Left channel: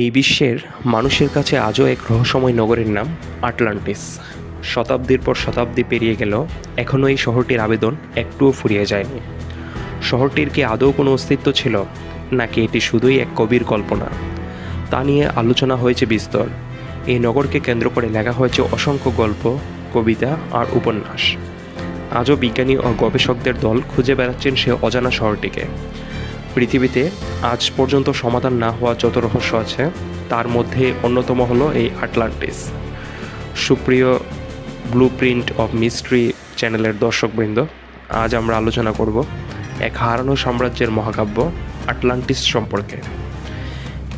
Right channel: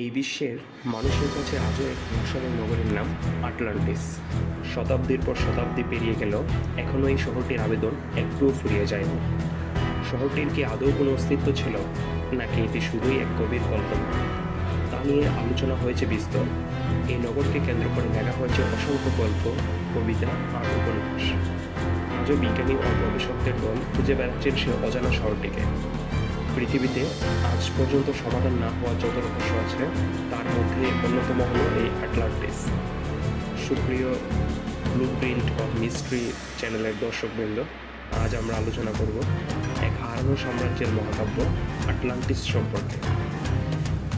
এই বিশ্বের মানুষের কাছে আজও এক রহস্যময় নগরের নাম আটলান্টিস। শতাব্দীর পর শতাব্দী পেরিয়ে গেলেও এখনও এই শহরটির আবেদন একটুও ফুরিয়ে যায়নি। শহরটির কি আদৌ কোনো অস্তিত্ব ছিল, নাকি এটি শুধুই এক কবির কল্পনা, তা নিয়ে আলোচনা হয়েছে বিস্তর। এই নগরকে কেন্দ্র করে লেখা হয়েছে অসংখ্য গল্প, কবিতা আর উপন্যাস। আজও বিজ্ঞানী ও গবেষকদের দল খুঁজে বেড়াচ্ছেন সে অজানা শহরটিকে। পৃথিবীতে আজ পর্যন্ত সমাধান না হওয়া যত রহস্য আছে, তার মধ্যে অন্যতম হলো এই আটলান্টিস। সুপ্রিয় ব্লুপ্রিন্ট অফ মিস্ট্রি চ্যানেলের দর্শকবৃন্দ, আজ আমরা আলোচনা করব এক হারানো সাম্রাজ্যের মহাকাব্য আটলান্টিস সম্পর্কে।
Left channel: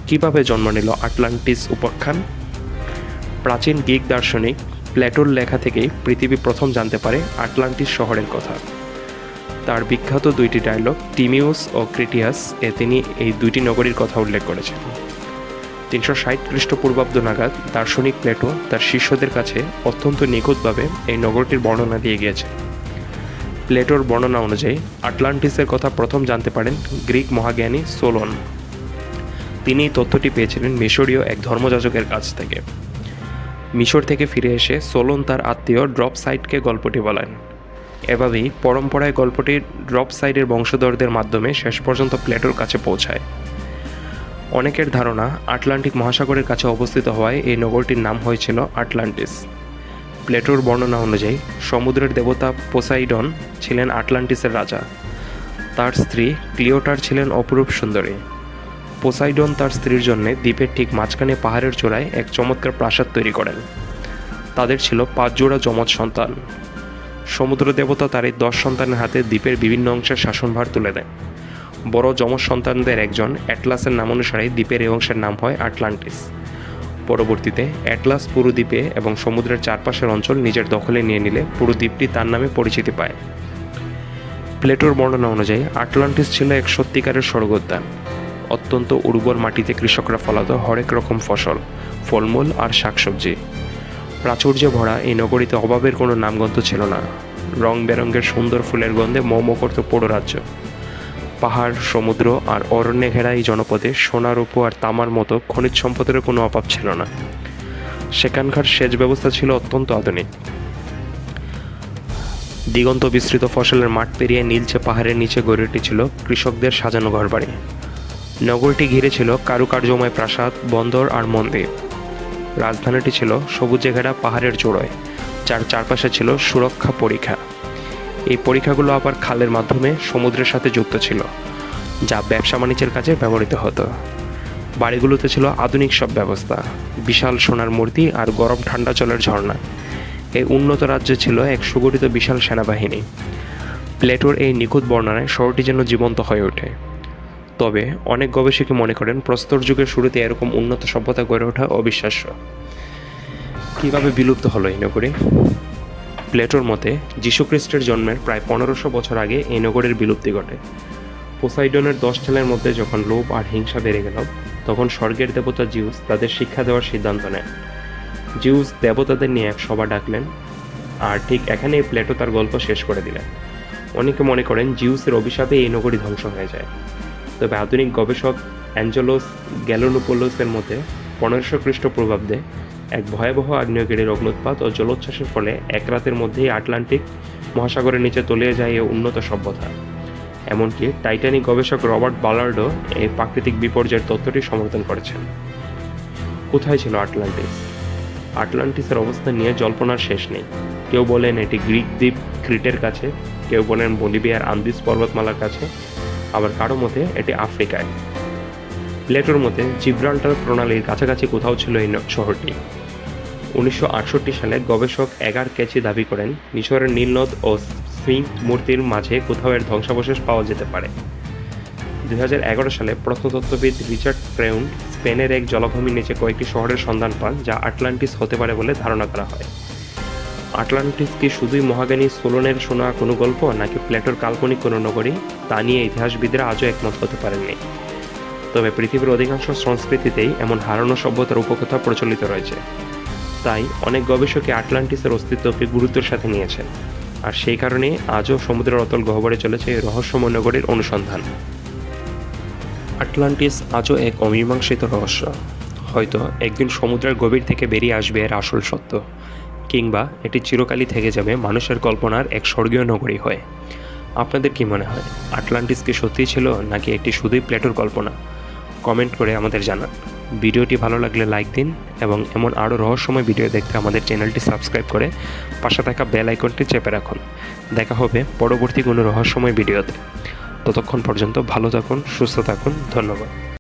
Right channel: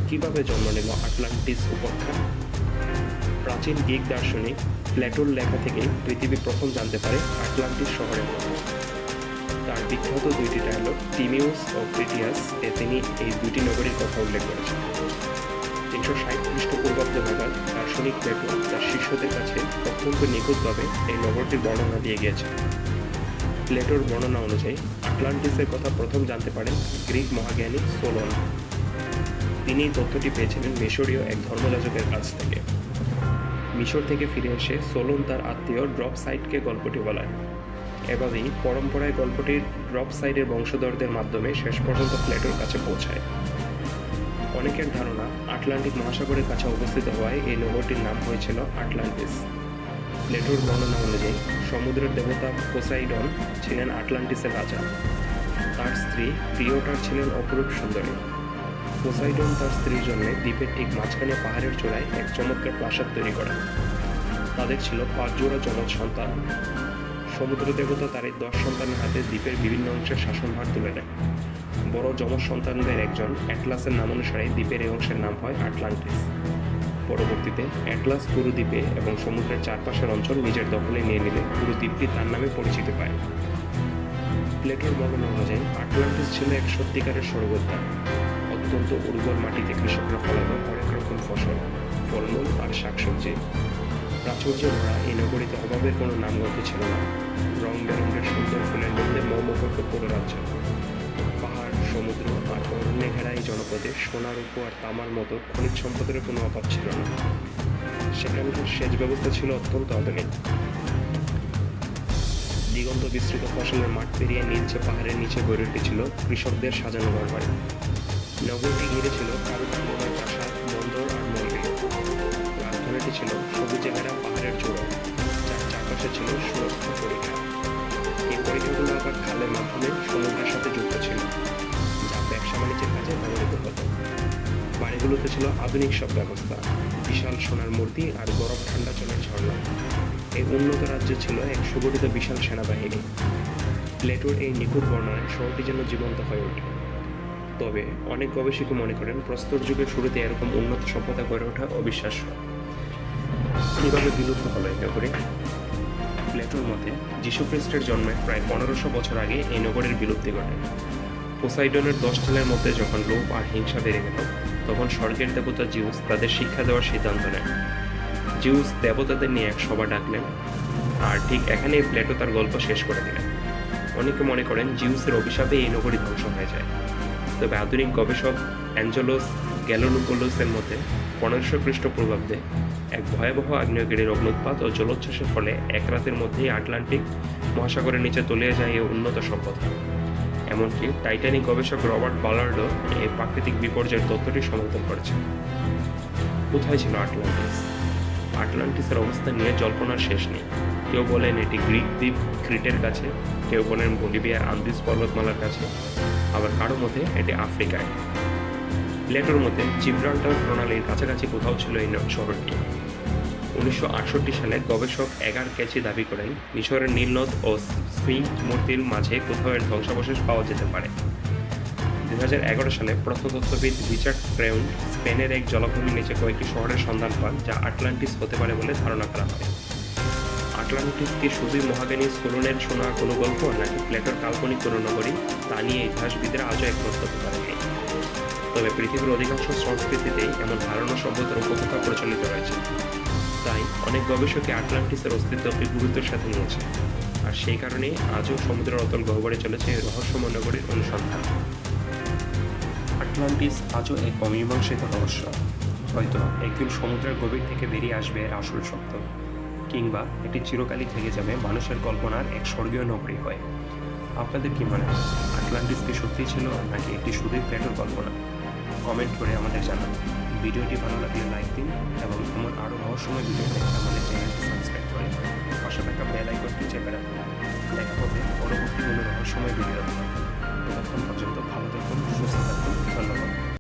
কিভাবে জন্ম নিল আটলান্টিস উপাখ্যান? প্রাচীন গ্রিক দার্শনিক প্লেটোর লেখা থেকেই পৃথিবী প্রথম জানতে পারে আটলান্টিস শহরের কথা। তার বিখ্যাত দুইটি ডায়লগ টিমিউস ও ক্রিটিয়াস এ তিনি এই দুইটি নগরীর কথা উল্লেখ করেছেন। 360 খ্রিস্টপূর্বাব্দ নাগাদ দার্শনিক প্লেটো তার শিষ্যদের কাছে অত্যন্ত নিখুঁতভাবে এই নগরটির বর্ণনা দিয়ে গিয়েছেন। প্লেটোর বর্ণনা অনুযায়ী আটলান্টিসের কথা প্রথম জানতে পারেন গ্রিক মহাজ্ঞানী সোলন। তিনি এই তথ্যটি পেয়েছিলেন মিশরীয় এক ধর্মযাজকের কাছ থেকে। মিশর থেকে ফিরে এসে সোলন তার আত্মীয় ড্রপসাইডকে গল্পটি বলেন। এভাবেই পরম্পরায় গল্পটি ড্রপসাইডের বংশধরদের মাধ্যমে শেষ পর্যন্ত প্লেটোর কাছে পৌঁছায়। অনেকের ধারণা আটলান্টিক মহাসাগরের কাছে অবস্থিত হওয়ায় এই নগরটির নাম হয়েছিল আটলান্টিস। প্লেটোর বর্ণনা অনুযায়ী সমুদ্রের দেবতা পোসাইডন ছিলেন আটলান্টিসের রাজা। তার স্ত্রী ক্লিওটার ছিলেন অপরূপ সুন্দরী। পোসাইডন তার স্ত্রীর জন্য দ্বীপের ঠিক মাঝখানে পাহাড়ের চূড়ায় এক চমৎকার প্রাসাদ তৈরি করেন। তাদের ছিল 5 জোড়া যমজ সন্তান। সমুদ্র দেবতা তার এই 10 সন্তানের হাতে দ্বীপের বিভিন্ন অংশের শাসনভার তুলে দেন। বড় যমজ সন্তানদের একজন অ্যাটলাসের নাম অনুসারে দ্বীপের এই অংশের নাম হয় আটলান্টিস। পরবর্তীতে অ্যাটলাস পুরো দ্বীপে এবং সমুদ্রের চারপাশের অঞ্চল নিজের দখলে নিয়ে নিলে পুরো দ্বীপটি তার নামে পরিচিতি পায়। প্লেটোর বর্ণনা অনুযায়ী আটলান্টিস ছিল এক সত্যিকারের স্বর্গোদ্যান। অত্যন্ত উর্বর মাটিতে কৃষকরা ফলাতো হরেক রকম ফসল, ফলমূল আর শাকসবজি। প্রাচুর্যে ভরা এই নগরীতে অভাবের কোনো নামগন্ধ ছিল না। রং বেরঙের সুন্দর ফুলের গন্ধে মোমো করত পুরো রাজ্য। পাহাড়, সমুদ্র আর অরণ্যে ঘেরা এই জনপদে সোনা, রূপো আর তামার মতো খনিজ সম্পদের কোনো অভাব ছিল না। সেখানকার সেচ ব্যবস্থা ছিল অত্যন্ত আধুনিক। দিগন্ত বিস্তৃত ফসলের মাঠ পেরিয়ে নীলচে পাহাড়ের নিচে গড়ে উঠেছিল কৃষকদের সাজানো ঘরবাড়ি। নগরটি ঘিরে ছিল কারুকার্যময় প্রাসাদ, বন্দর আর মন্দির। রাজধানীটি ছিল সবুজে ঘেরা পাহাড়ের চূড়ায়, যার চারপাশে ছিল সুরক্ষা পরিখা। এই পরিখাগুলো আবার খালের মাধ্যমে সমুদ্রের সাথে যুক্ত ছিল, যা ব্যবসা বাণিজ্যের কাজে ব্যবহৃত হতো। বাড়িগুলোতে ছিল আধুনিক সব ব্যবস্থা, বিশাল সোনার মূর্তি আর গরম ঠান্ডা জলের ঝর্ণা। এই উন্নত রাজ্যে ছিল এক সুগঠিত বিশাল সেনাবাহিনী। প্লেটোর এই নিখুঁত বর্ণনায় শহরটি যেন জীবন্ত হয়ে ওঠে। তবে অনেক গবেষকই মনে করেন প্রস্তর যুগের শুরুতে এরকম উন্নত সভ্যতা গড়ে ওঠা অবিশ্বাস্য। কীভাবে বিলুপ্ত হলো এই নগরী? প্লেটোর মতে যীশুখ্রিস্টের জন্মের প্রায় 1500 বছর আগে এই নগরের বিলুপ্তি ঘটে। পোসাইডনের 10 ছেলের মধ্যে যখন লোভ আর হিংসা বেড়ে গেল, তখন স্বর্গের দেবতা জিউস তাদের শিক্ষা দেওয়ার সিদ্ধান্ত নেন। জিউস দেবতাদের নিয়ে এক সভা ডাকলেন, আর ঠিক এখানেই প্লেটো তার গল্প শেষ করে দিলেন। অনেকে মনে করেন জিউসের অভিশাপে এই নগরী ধ্বংস হয়ে যায়। তবে আধুনিক গবেষক অ্যাঞ্জেলোস গ্যালোনোপোলোসের মতে 1500 খ্রিস্টপূর্বাব্দে এক ভয়াবহ আগ্নেয়গিরির অগ্নুৎপাত ও জলোচ্ছ্বাসের ফলে এক রাতের মধ্যেই আটলান্টিক মহাসাগরের নিচে তলিয়ে যায় এই উন্নত সভ্যতা। এমনকি টাইটানিক গবেষক রবার্ট বালার্ডও এই প্রাকৃতিক বিপর্যয়ের তত্ত্বটি সমর্থন করেছেন। কোথায় ছিল আটলান্টিস? আটলান্টিসের অবস্থান নিয়ে জল্পনার শেষ নেই। কেউ বলেন এটি গ্রিক দ্বীপ ক্রিটের কাছে, কেউ বলেন বলিভিয়ার আন্দিজ পর্বতমালার কাছে, আবার কারো মতে এটি আফ্রিকায়। প্লেটোর মতে জিব্রাল্টার প্রণালীর কাছাকাছি কোথাও ছিল এই শহরটি। 1968 সালে গবেষক এগার ক্যাচি দাবি করেন মিশরের নীলনদ ও স্ফিংক্স মূর্তির মাঝে কোথাও এর ধ্বংসাবশেষ পাওয়া যেতে পারে। 2011 সালে প্রত্নতত্ত্ববিদ রিচার্ড ফ্রেউন্ড স্পেনের এক জলাভূমির নিচে কয়েকটি শহরের সন্ধান পান, যা আটলান্টিস হতে পারে বলে ধারণা করা হয়। আটলান্টিস কি শুধুই মহাজ্ঞানী সোলনের শোনা কোনো গল্প, নাকি প্লেটোর কাল্পনিক কোনো নগরী, তা নিয়ে ইতিহাসবিদরা আজও একমত হতে পারেননি। তবে পৃথিবীর অধিকাংশ সংস্কৃতিতেই এমন হারানো সভ্যতার উপকথা প্রচলিত রয়েছে। তাই অনেক গবেষকই আটলান্টিসের অস্তিত্বকে গুরুত্বের সাথে নিয়েছে, আর সেই কারণে আজও সমুদ্রের অতল গহ্বরে চলেছে এই রহস্যময় নগরীর অনুসন্ধান। আটলান্টিস আজও এক অমীমাংসিত রহস্য। হয়তো একদিন সমুদ্রের গভীর থেকে বেরিয়ে আসবে এর আসল সত্য, কিংবা এটি চিরকালই থেকে যাবে মানুষের কল্পনার এক স্বর্গীয় নগরী হয়ে। আপনাদের কি মনে হয়, আটলান্টিস কি সত্যিই ছিল, নাকি এটি শুধুই প্লেটোর কল্পনা? কমেন্ট করে আমাদের জানান। ভিডিওটি ভালো লাগলে লাইক দিন এবং এমন আরও রহস্যময় ভিডিও দেখতে আমাদের চ্যানেলটি সাবস্ক্রাইব করে পাশে থাকা বেল আইকনটি চেপে রাখুন। দেখা হবে পরবর্তী কোনো রহস্যময় ভিডিওতে। ততক্ষণ পর্যন্ত ভালো থাকুন, সুস্থ থাকুন। ধন্যবাদ।